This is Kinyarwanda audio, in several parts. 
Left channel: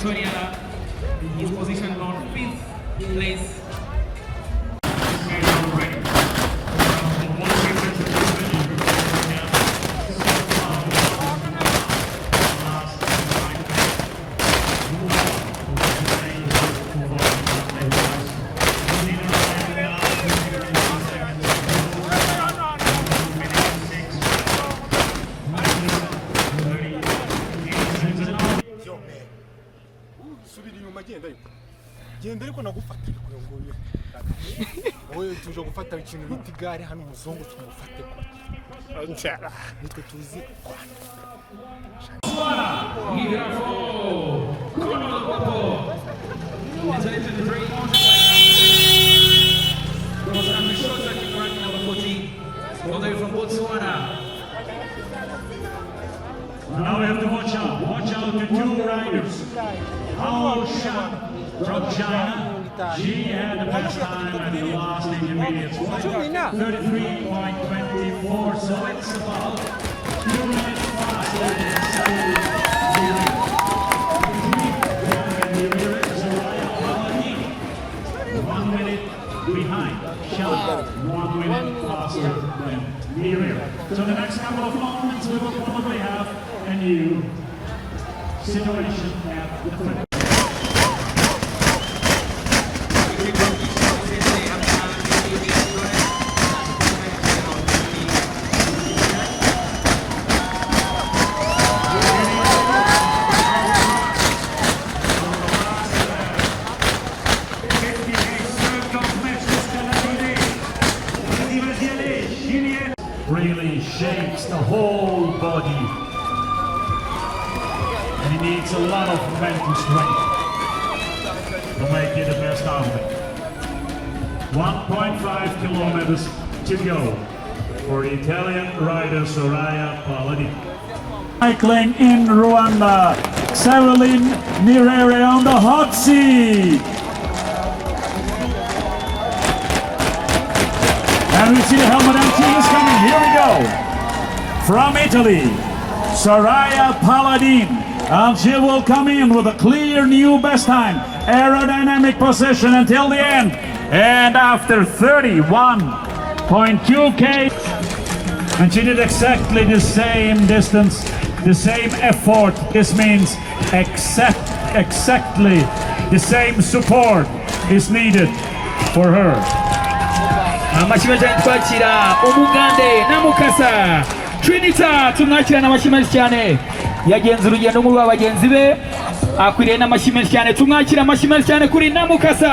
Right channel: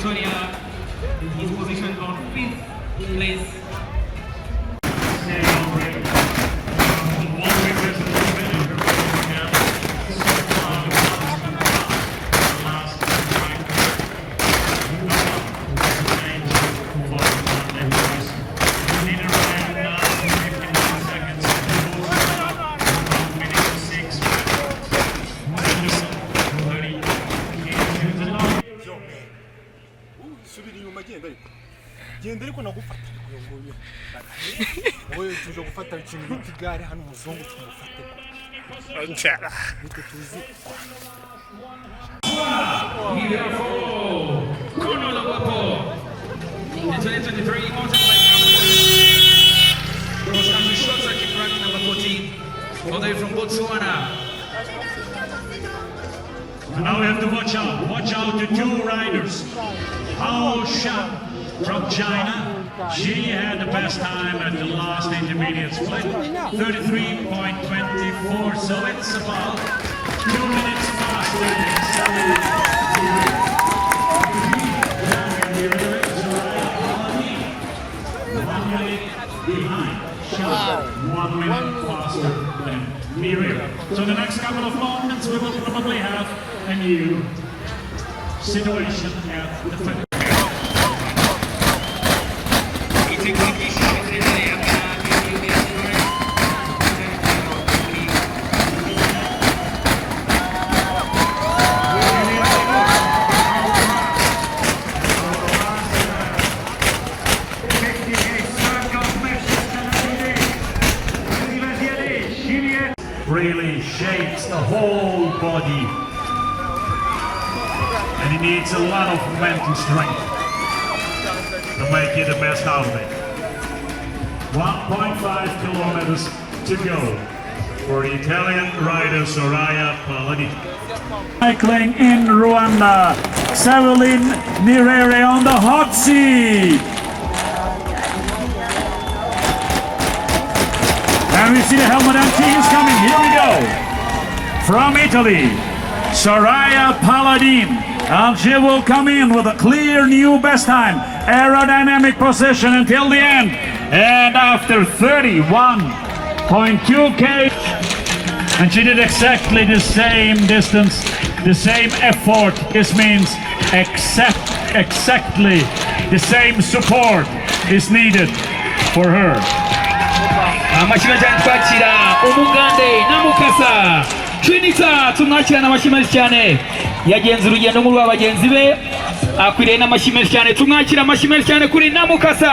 Pretoria is positioned on 5th place. genda ariko nagufatira kuyongoyo wowe tuje gufata ikintu bitigare hano umuzungu tumufate nchara niko tuzi from Botswana. Now we have to watch out to two riders. Amarushanwa from China. She had the best time at the last intermediate split, 33.24. So it's about 2 minutes faster. 1 minute behind. 1 minute faster than Riri. So the next couple of moments we will probably have a new situation at the finish. Really shapes the whole body, and he needs a lot of mental strength to make it the best out of it. 1.5 kilometers to go for the Italian rider Soraya Paladini. Cycling in Rwanda, Riri on the hot seat. And we see the helmet empty is coming. Here we go. From Italy, Soraya Paladini. And she will come in with a clear new best time. Aerodynamic position until the end. And after 31.2K. And she did exactly the same distance, the same effort. This means exactly the same support is needed for her. Amashimwe cyane twakira umugande na mukasa Trinita tumwakira n'amashimwe cyane yagenze urugendo mu rw'abagenzi be akwiriye n'amashimwe cyane tumwakira amashimwe cyane kuri na mukasa.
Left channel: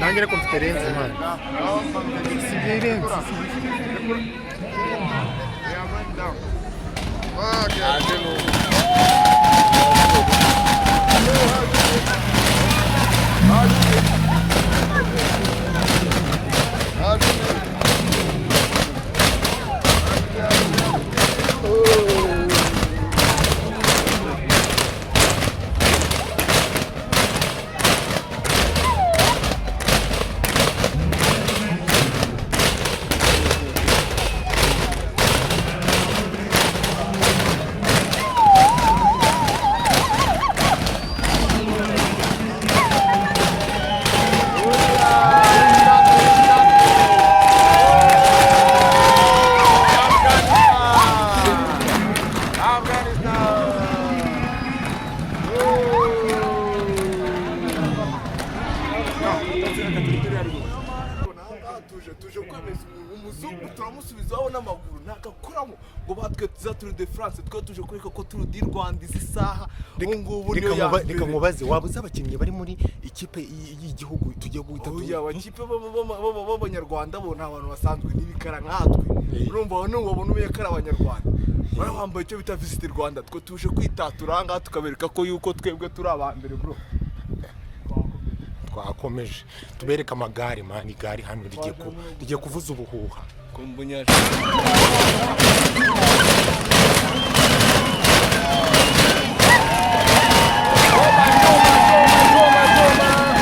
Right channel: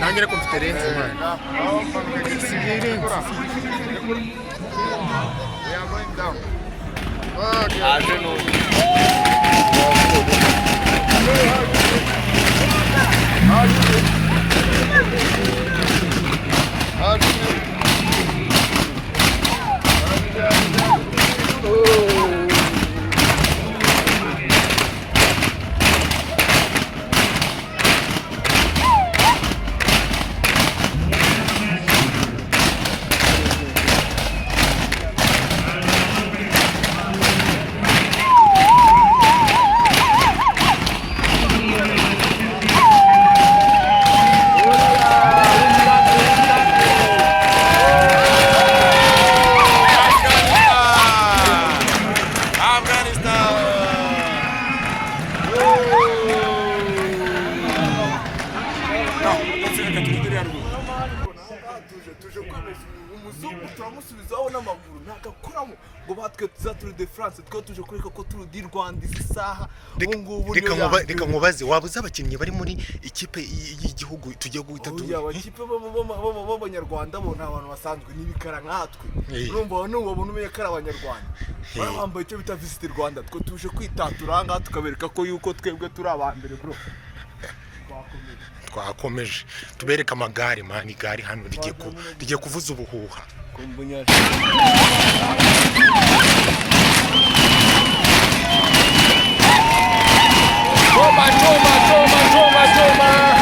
Nangere conferenza, man. We are going down. I don't know. tuje kwemeza umuzungu turamusubizaho n'amaguru ntagakuramo ngo batwe tuza Tour de France twe tuje kureka ko Tour du Rwanda izi saha ngubu reka nkubaze wabuze abakinnyi bari muri ikipe y'igihugu tugiye guhita abakipe b'abanyarwanda bo nta bantu basanzwe n'ibikara nkatwe urumva n'ubona umenye ko ari abanyarwanda bambaye icyo bita Visit Rwanda twe tuje kwitatura ngaha tukabereka ko yuko twebwe turi abambere bro twakomeje tubereka amagare mani igare hano rigiye kuvuza ubuhuha Toma.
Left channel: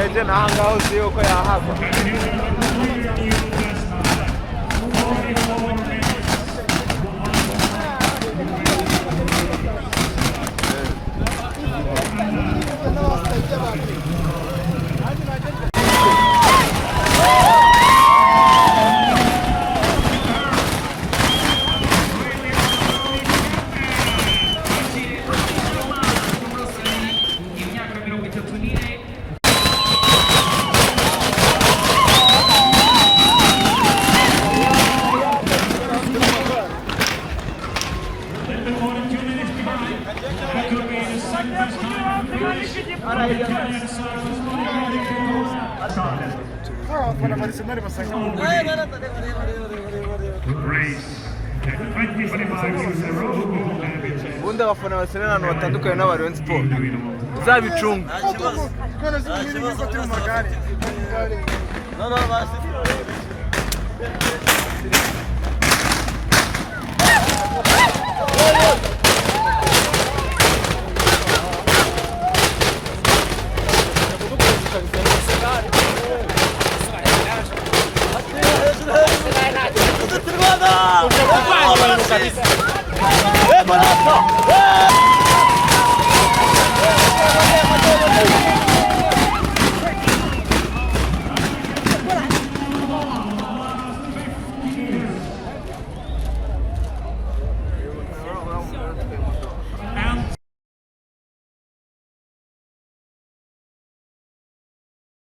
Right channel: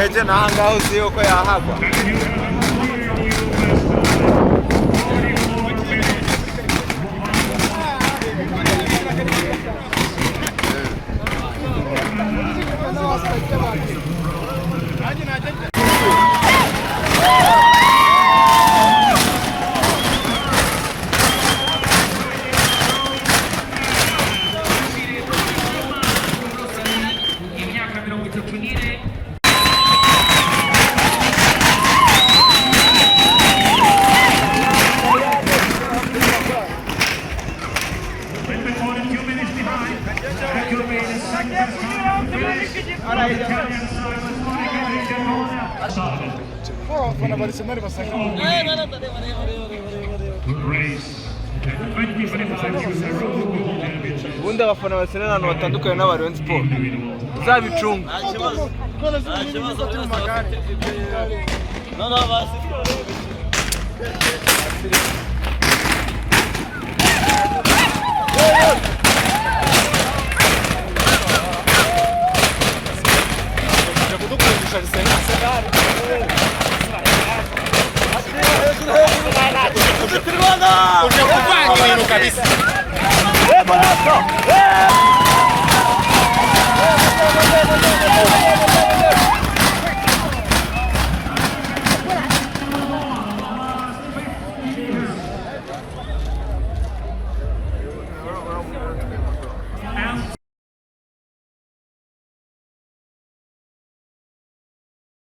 Urebye nangaho uzi yuko yahaga. Ubundi abafana basenera ahantu batandukanye n'abarenze sport uzabicunga none se umuntu yuko turi mu magare no basi kabisa.